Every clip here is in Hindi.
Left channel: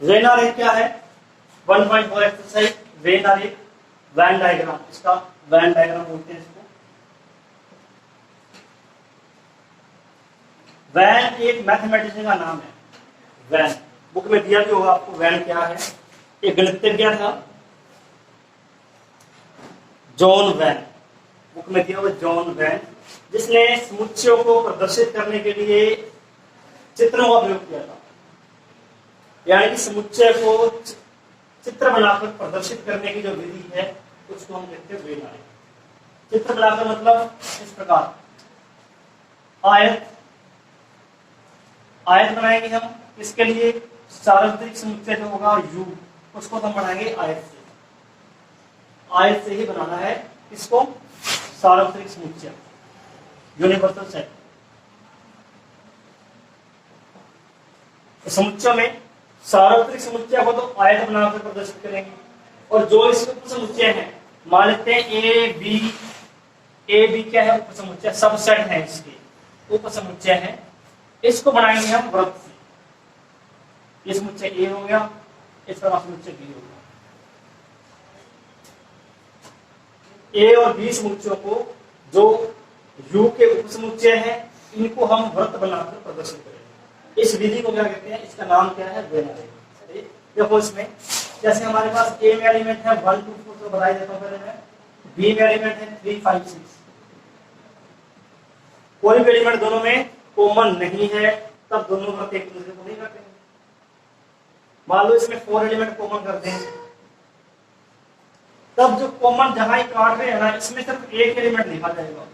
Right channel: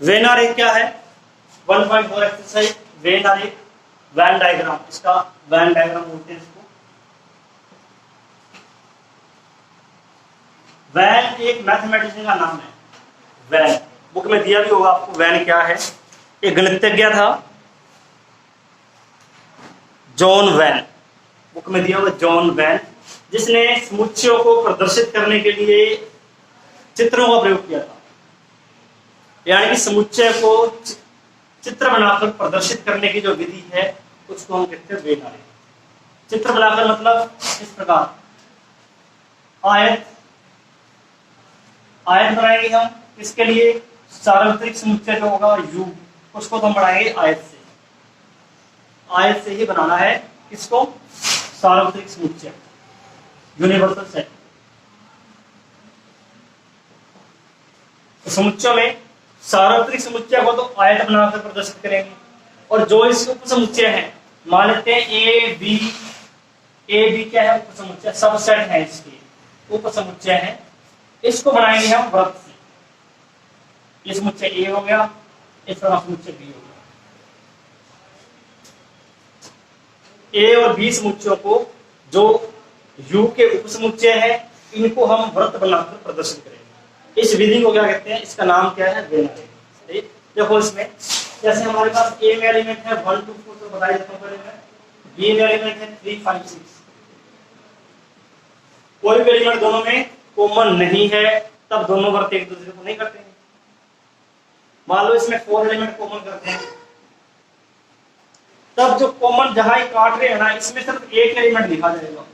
वेन आरेख क्या है? 1.4 एक्सरसाइज वेन आरेख, वैन डायग्राम, इसका वैन डायग्राम बोलते हैं इसको। वैन एक मैथमेटिशियन का नाम है। वैन बुक में दिया भी होगा आपको, वैन क्या है। एक गणितज्ञ था जॉन वैन, बुक में दिया हुआ जॉन वैन, जिसने समुच्चयों को प्रदर्शित करने के लिए चित्रों का प्रयोग किया था। यानी कि समुच्चय को चित्र बनाकर प्रदर्शित करने की जो विधि है उसको हम कहते हैं वेन आरेख। चित्र बनाकर मतलब इस प्रकार आयत, आयत बनाएंगे हम। इसके लिए सार्वत्रिक समुच्चय जो होगा यू, उसको तो हम बनाएंगे आयत से। आयत से ही बनाना है इसको सार्वत्रिक समुच्चय, यूनिवर्सल सेट। तो समुच्चयों में सार्वत्रिक समुच्चय को तो आयत बनाकर प्रदर्शित करेंगे, और जो इसके उप समुच्चय है, मान लेते हैं ए बी क्या है? उप समुच्चय, सबसेट है, इसके उप समुच्चय है। इसको बनाएंगे हम वृत्त से। ये समुच्चय ए हो गया, इसका समुच्चय बी हो गया। ए और बी समुच्चयों को, जो यू के उप समुच्चय है, इनको हम वृत्त बनाकर प्रदर्शित करेंगे। इस विधि को क्या कहते हैं? इसका नाम क्या है? वेन आरेख। देखो इसमें जैसे हमारे पास ए में एलिमेंट है 1 2 4, तो बताई देता हूं पहले मैं। बी में एलिमेंट है 3 5 6। कोई भी एलिमेंट दोनों में कॉमन नहीं है, तब दोनों वृत्त एक दूसरे को नहीं करते हैं। मान लो इसमें 4 एलिमेंट कॉमन करते हैं, तब जो कॉमन जहां काट रहे हैं ना, इसमें सिर्फ एक एलिमेंट लिखा जाएगा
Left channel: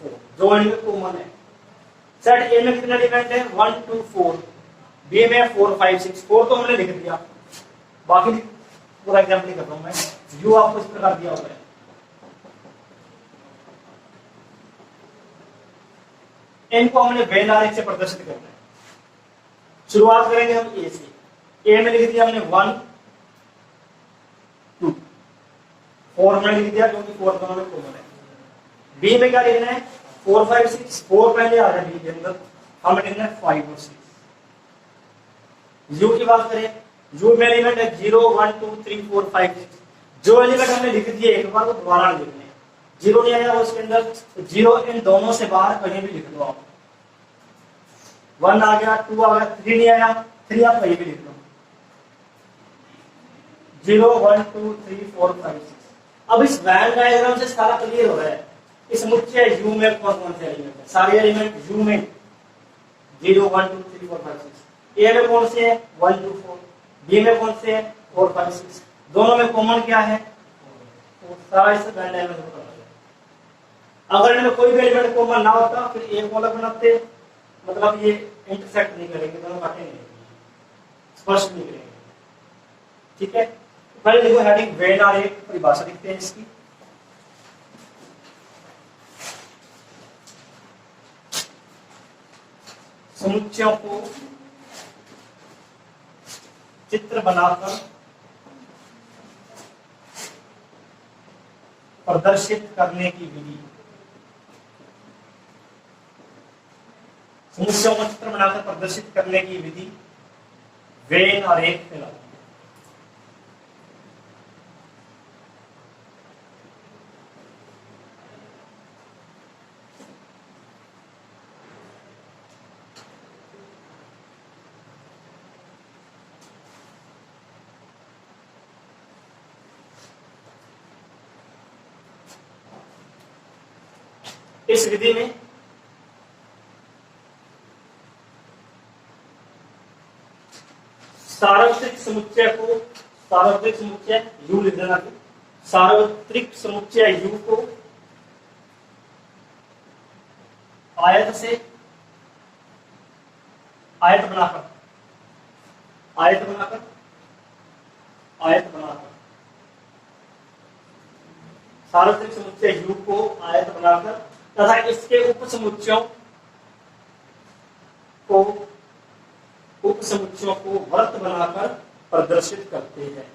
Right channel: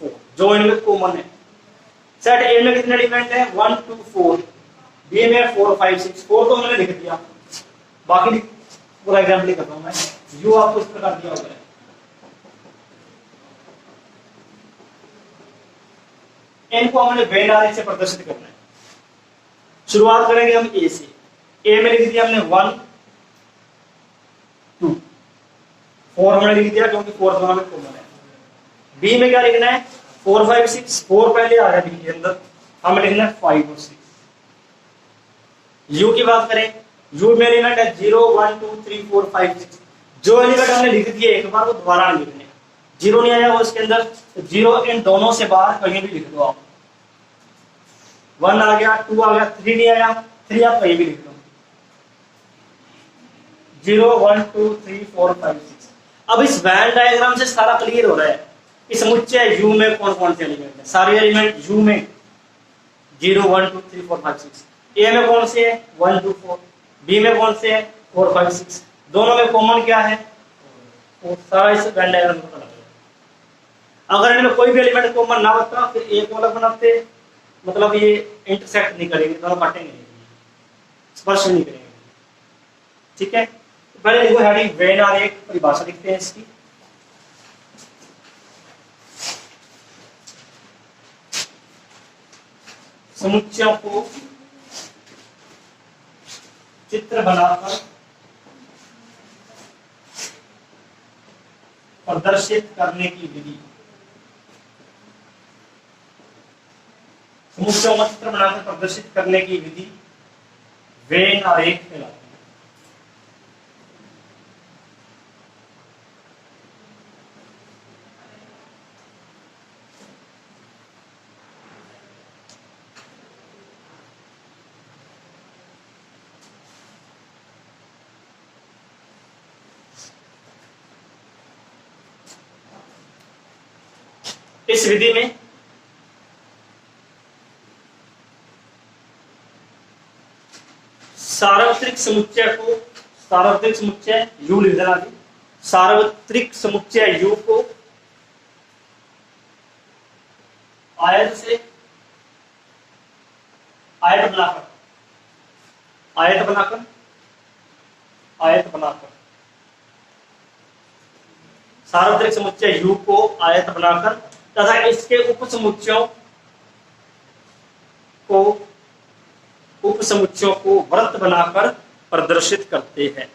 4, जो इनमें कॉमन है। सेट ए में कितने एलिमेंट है? 1 2 4, बी में 4 5 6। 4 तो मैंने लिख दिया, बाकी पूरा एग्जाम्पल कर रहा हूं मैं। यू आपको इस प्रकार दिया हुआ है। इनको हमने वेन आरेख से प्रदर्शित करना है। शुरुआत करेंगे हम ए से। ए में लिख दिया हमने 1 2, 4 हमने लिख दिया क्योंकि 4 दोनों में कॉमन है। बी में क्या लिखना है? 4 5 6, 4 पहले आ रहा है बी के अंदर, हमें लिखना है 5 और 6। यू की बात करें, यू में एलिमेंट है 0 1 2 3 4 5 6। जो एलिमेंट हमने लिख दिए एक बार, वो दोबारा नहीं लिखने। 0 नहीं आया वो इसके अंदर, तो 0 इन दोनों से बाहर कहीं भी लिख दो आप। 1 आ गया, 2 आ गया, 3 नहीं आया, 3 आप कहीं भी लिख दो। 0 1 2 3 4 5 6। अब इस वैन डायग्राम से सारा क्लियर हो रहा है इस समुच्चय यू में कौन कौन से एलिमेंट है। सारे एलिमेंट यू में 0 1 2 3 4 5 6। ए में कौन से है? 1 2 4। बी में कौन से है? 4 5 6। दोनों में कॉमन क्या है? वो सारा इस वैन डायग्राम में पता चलेगा। अगर इनमें कोई भी एलिमेंट कॉमन ना होता फिर एक अलग बनाते, मतलब ये इंटरसेक्ट नहीं करेंगे, दोनों काटेंगे नहीं, स्पर्श नहीं करेंगे। ठीक है, तो पहले देखो हेडिंग वेन आरेख, परिभाषा लिखते हैं इसकी। समुच्चयों को चित्र बनाकर प्रदर्शित करने की विधि, समुच्चयों को चित्र बनाकर प्रदर्शित करने की विधि वेन आरेख कहलाती है। इस विधि में सार्वत्रिक समुच्चय को, सार्वत्रिक समुच्चय यू लिख देना, सार्वत्रिक समुच्चय यू को आयत से, आयत बनाकर, आयत बनाकर, आयत बनाकर, सार्वत्रिक समुच्चय यू को आयत बनाकर तथा इसके उप समुच्चयों को, उप समुच्चयों को वृत्त बनाकर प्रदर्शित करते हैं,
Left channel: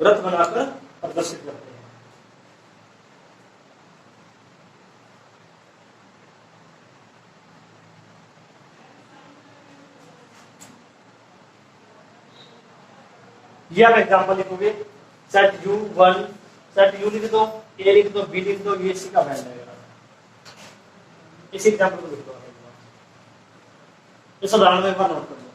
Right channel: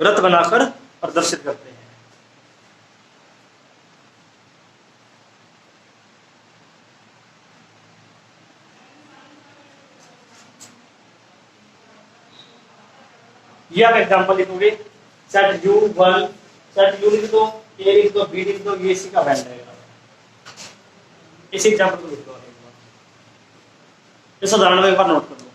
वृत्त बनाकर प्रदर्शित करते हैं। ये आप एग्जांपल लिखोगे, सेट U1, सेट U लिख दो, A लिख दो, B लिख दो, ये सी का वेन डायग्राम। इसी एग्जांपल को लिख दो, इस उदाहरण में एक बार नोट कर लो।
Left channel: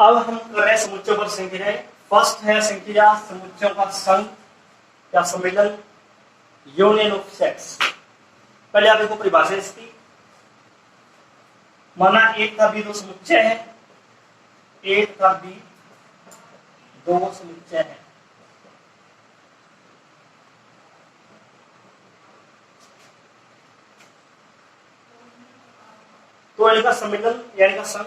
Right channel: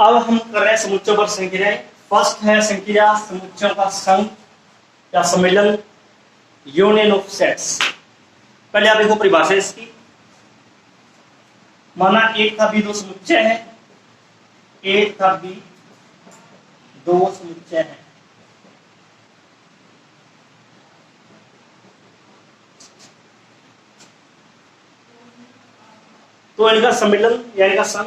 अब हम कर रहे हैं समुच्चयों पर संक्रियाएं। फर्स्ट है संक्रिया समुच्चयों का संघ या सम्मेलन, यूनियन ऑफ सेट्स। पहले आप देखो परिभाषा इसकी। माना एक था बी दो समुच्चय है, एक था बी दो समुच्चय है। तो इनका सम्मेलन या इनका संघ,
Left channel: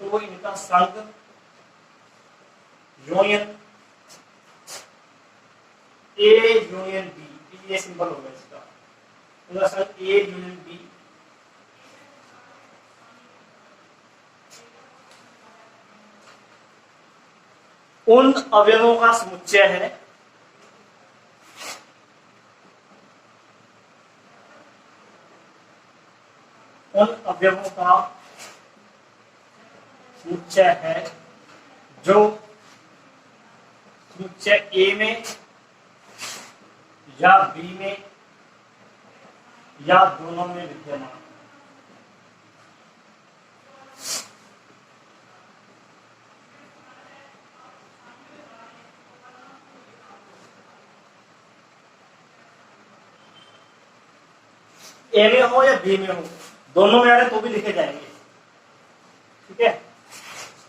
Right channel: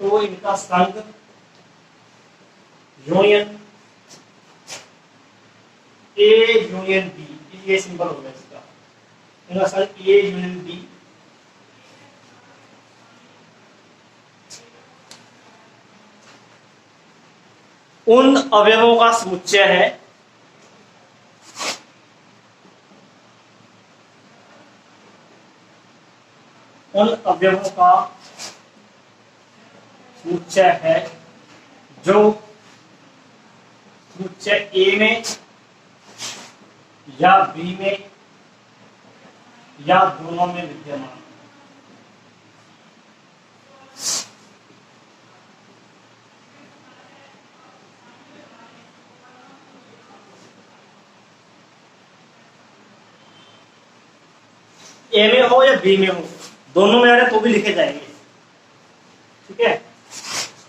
तो इनका संघ यूनियन ए यूनियन बी, ये सिंबल होगा इसका। इनका संघ ए यूनियन बी उन अवयवों का समुच्चय है उन अवयवों का समुच्चय है जो समुच्चय ए में या बी में या दोनों में विद्यमान। ए में हो या बी में हो, दोनों में आ रहे तो भी लिखे जाएंगे। ठीक है,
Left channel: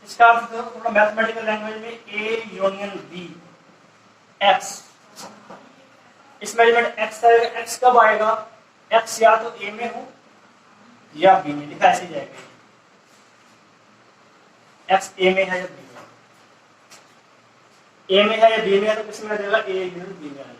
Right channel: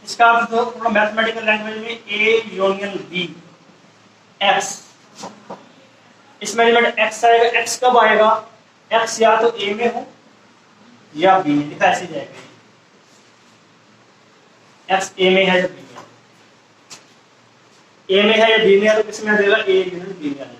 इसका अर्थ तो थोड़ा मैथमेटिकल लैंग्वेज में ए यूनियन बी एक्स, इसमें एलिमेंट एक्स आएगा। एक्स कब आएगा? एक्स या तो ए में हो या बी में, लिखा ऐसे जाएगा। एक्स ए में है या बी में, ए में है या बी में है, तो किस में आ जाएगा? ए यूनियन बी में आ जाएगा।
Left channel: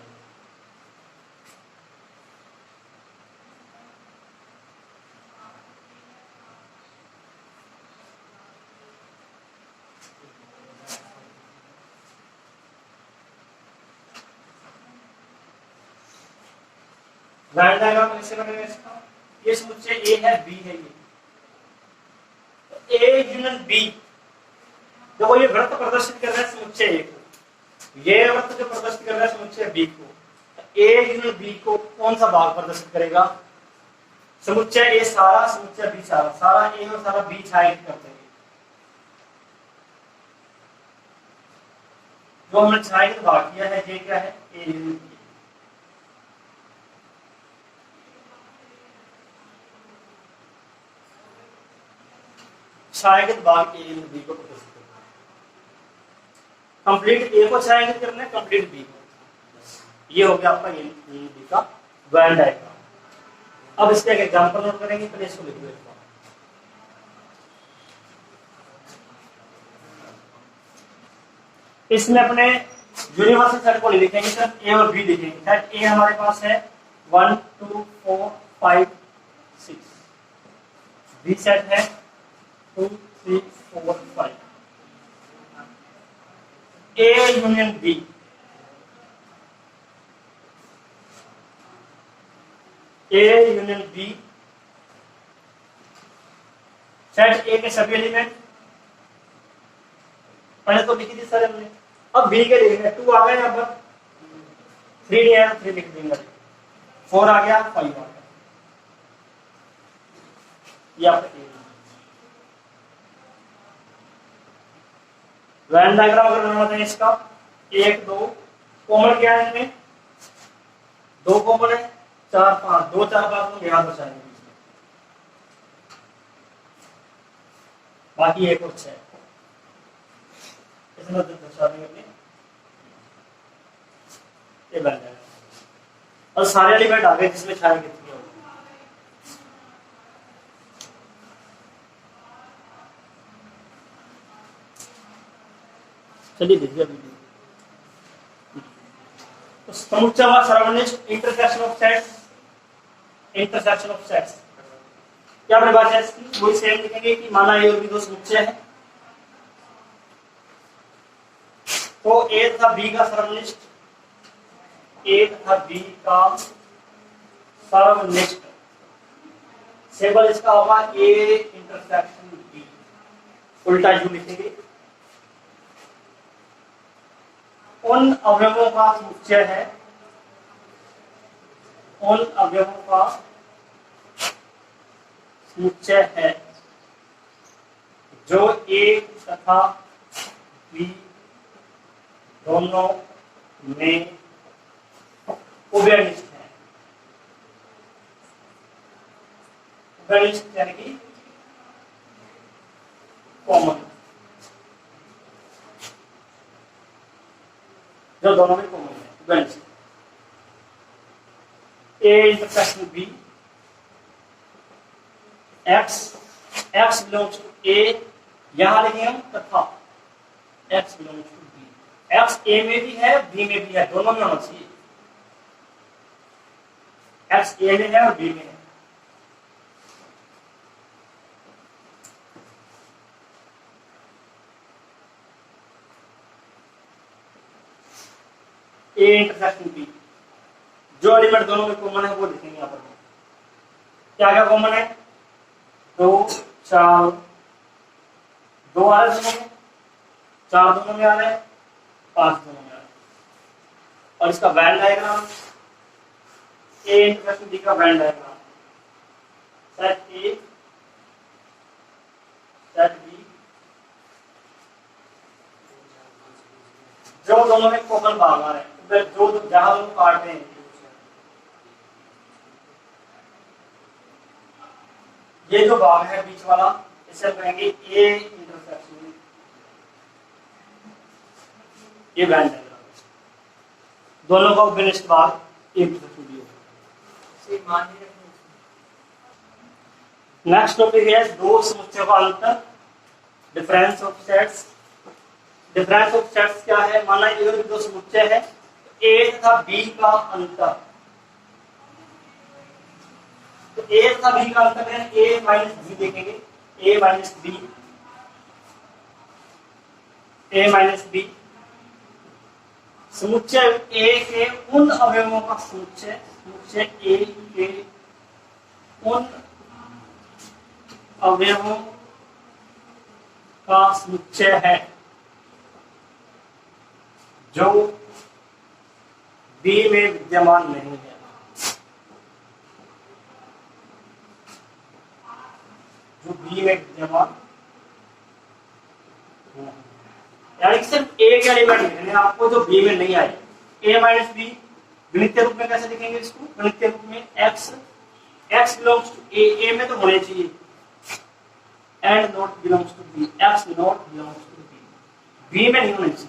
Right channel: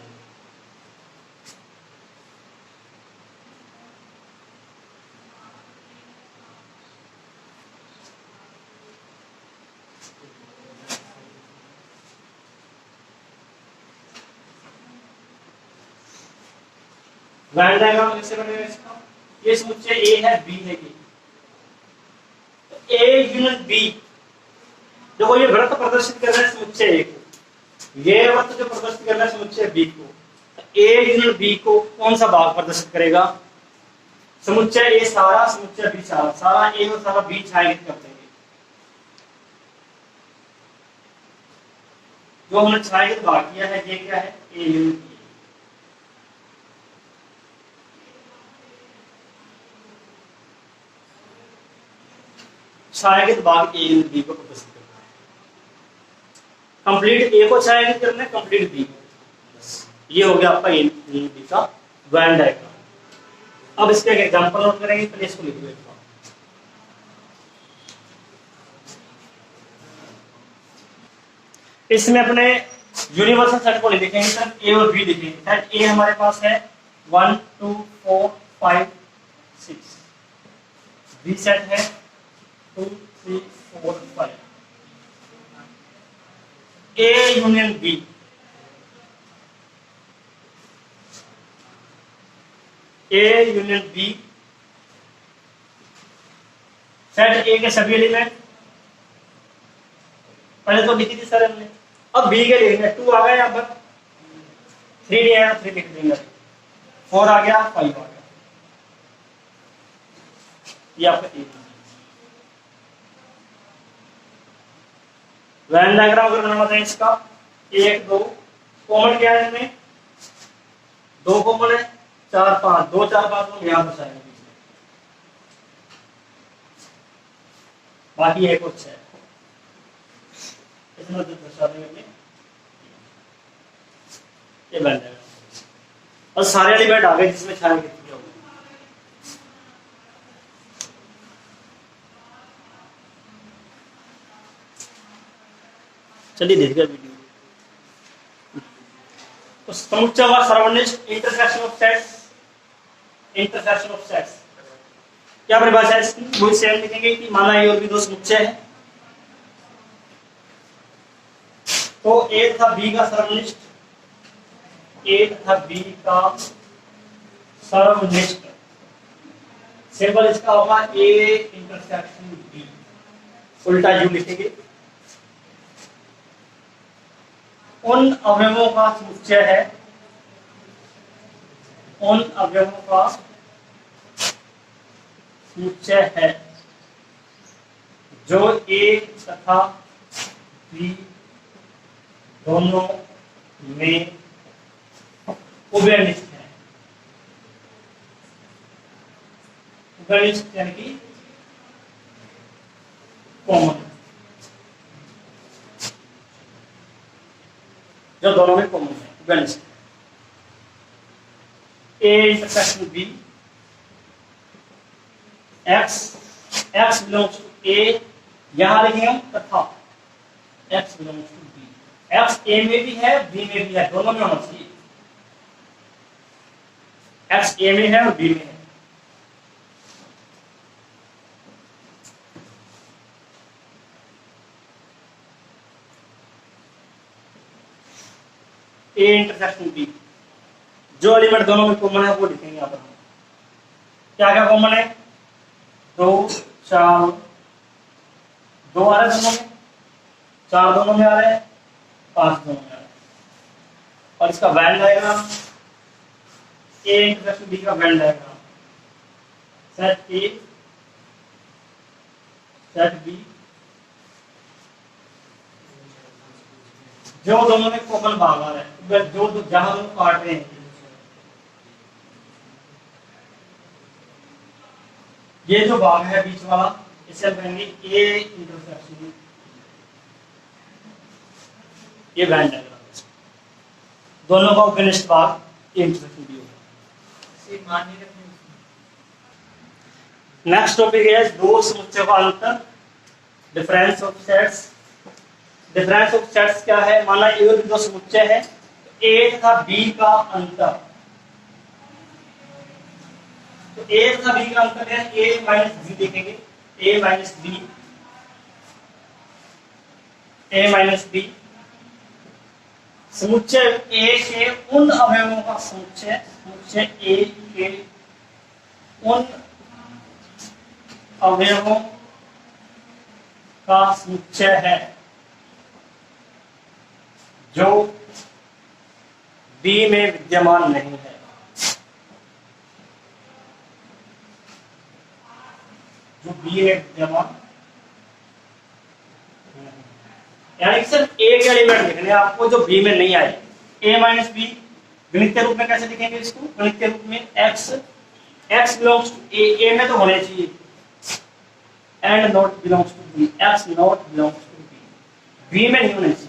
वेन डायग्राम कैसे बनेगा इसका? ये समुच्चय ए है, बी है, ए यूनियन बी। देखो ये वृत्त प्रदर्शित कर रहा है समुच्चय ए को, ये वृत्त जो प्रदर्शित कर रहा है समुच्चय बी को, ए यूनियन बी को कौन सा भाग प्रदर्शित करेगा? समुच्चय ए सारा, समुच्चय बी सारा, सारा ए और सारा बी छायांकित करते हैं। जो हमने छायांकित भाग किया है ये क्या है? A union B. छायांकित भाग ए यूनियन बी को प्रदर्शित करता है। कंप्लीट ए को छायांकित करना है, कंप्लीट बी को। ये हो गया आपका ए यूनियन बी का वेन डायग्राम। अब इसका एक एग्जांपल नोट करेंगे, पहले इसको लिख लो। इसमें अपने यूनिवर्सल सेट को लिखेंगे सर, ए और बी लिखेंगे। सेट ए हमारे पास है 1 2 4 5 6, बी सेट है 2 3 4 5। A union B, A union B, set A के सभी एलिमेंट पहले तो लिखी थी सर हमने, अब बी के लिखेंगे। 2 आ गया यहाँ पर, 3 नहीं आया 3 लिख देंगे, 4 आ गया 5 आ गया, ये आपका ए। वेन डायग्राम अगर बनाना है इसका 1 2 कॉमन क्या है इसमें? 2 कॉमन है, 4 5, 2 4 5 को यहाँ दर्शाएंगे, बाकी एक और 6 इसमें तो दर्शा देंगे। ये वेन डायग्राम और सारे एलिमेंट आ गए जिसमें छाया कितनी होगी। चलिए देखिए वीडियो। तो समुच्चय का सर्वनिष्ठ intersection of sets, intersection of sets क्या परिभाषा है इसकी? वो सेम लिखेंगे कि माना ए और बी दो समुच्चय है, तो ए तथा बी का सर्वनिष्ठ, ए तथा बी का सर्वनिष्ठ सिंबल इसका होगा ए इंटरसेक्शन बी, उल्टा यू लिखेंगे। उन अवयवों का समुच्चय है, उन अवयवों का समुच्चय है जो ए तथा बी दोनों में उभयनिष्ठ है। उभयनिष्ठ यानी कि कॉमन, जो दोनों में कॉमन है, उभयनिष्ठ। A intersection B, X belongs to A, यहां लिखेंगे हम तथा X belongs to B. X A में भी है बी में भी है, दोनों में होना चाहिए। एक्स ए में है और बी में है। ए इंटरसेक्शन बी, जो एलिमेंट दोनों में कॉमन है वो लिखेंगे यहां पर। क्या क्या कॉमन है? 2 4, 2 आ रहे हैं दोनों में, 4 दोनों में आ रहे हैं, 5 दोनों में आ रहे हैं। और इसका Venn diagram, A intersection B का Venn diagram, set A set B, जो दोनों में कॉमन भाग आ रहे हैं, जो जहां दोनों काट रहे हैं, ये जो भाग है बीच वाला, इसे कहेंगे ए इंटरसेक्शन, ये वेन डायग्राम। दोनों का उपनिष्ठ भाग इंटरसेक्शन बी होगा। नेक्स्ट टॉपिक है दो समुच्चयों का अंतर, difference of sets. Difference of sets क्या है? माना ये दो समुच्चय है, ए तथा बी का अंतर। तो ए तथा बी का अंतर है ए माइनस बी, देखेंगे ए minus B, A minus B. समुच्चय ए के उन अवयवों का समुच्चय, समुच्चय ए के उन अवयवों का समुच्चय है जो बी में विद्यमान नहीं है। जो बी में विद्यमान नहीं, यानी सिर्फ ए का एलिमेंट लिखने आपको जो बी में नहीं आए। ए माइनस बी गणित के रूप में कैसे लिखेंगे इसको? गणित के रूप में एक्स बिलोंग्स टू ए में तो होने चाहिए, and not belongs to B, X not belongs to B में नहीं होने चाहिए।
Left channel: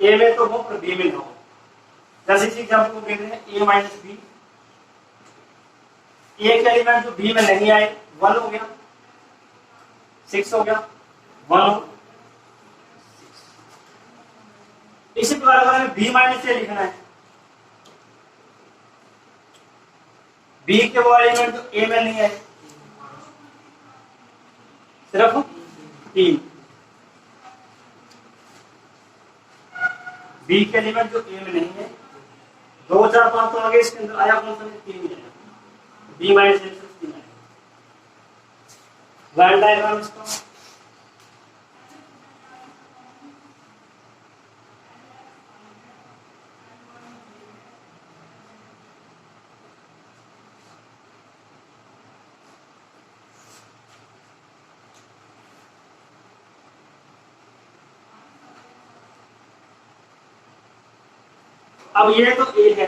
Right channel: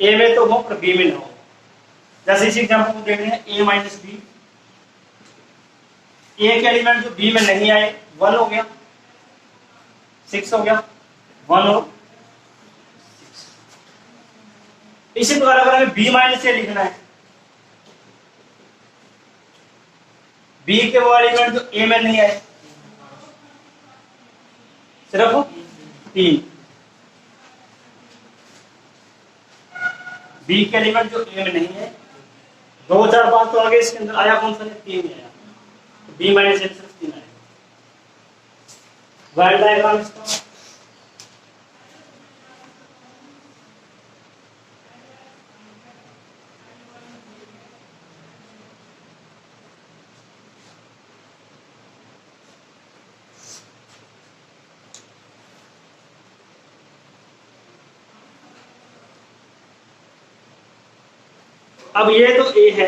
ए में तो हो पर बी में ना हो। जैसे इस एग्जांपल को देख रहे हैं, ए माइनस बी, ए के एलिमेंट जो बी में नहीं आए 1 हो गया, 6 हो गया, 1 हो। इसी प्रकार अगर हमें बी माइनस ए लिखना है, बी के वो एलिमेंट जो ए में नहीं आए, सिर्फ 3। बी के एलिमेंट जो ए में नहीं है, 2 4 5 तो आगे इसके अंदर आया कौन सा? 3 है, बी माइनस ए सिर्फ 3 है। वेन डायग्राम इसका, अब ये तो ए है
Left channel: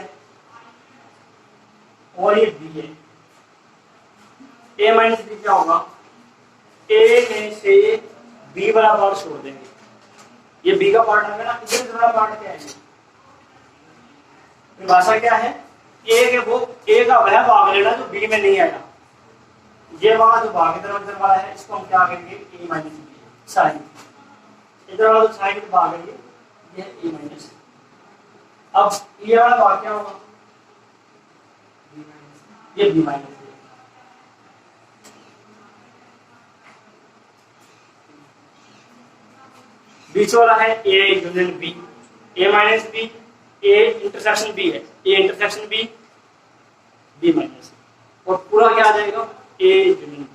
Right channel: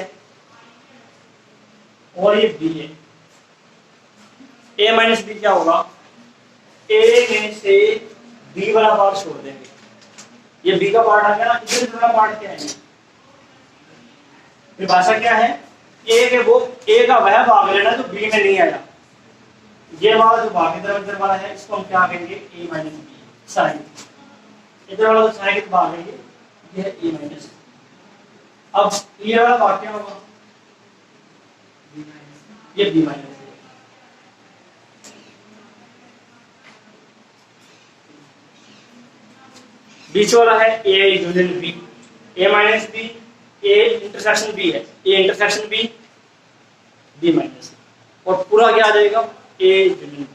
और ये बी है। ए माइनस बी क्या होगा? ए में से बी वाला पार्ट छोड़ देंगे, ये बी का पार्ट आ गया ना, इधर वाला पार्ट क्या है? ये भाषा क्या है? ए के वो ए का वह भाग लेना जो बी में नहीं आया। ये वाला जो भाग इधर उधर वाला है, इसको हम क्या कहेंगे? ए माइनस बी साइन। इधर वाला जो साइन भाग है ये है ए माइनस। अब ये वाला भाग क्या होगा? ये बी माइनस। बीच वाला है A union B, A minus B, A intersection B है, A intersection B, B minus. और पूरा क्या आ जाएगा? ए जमीन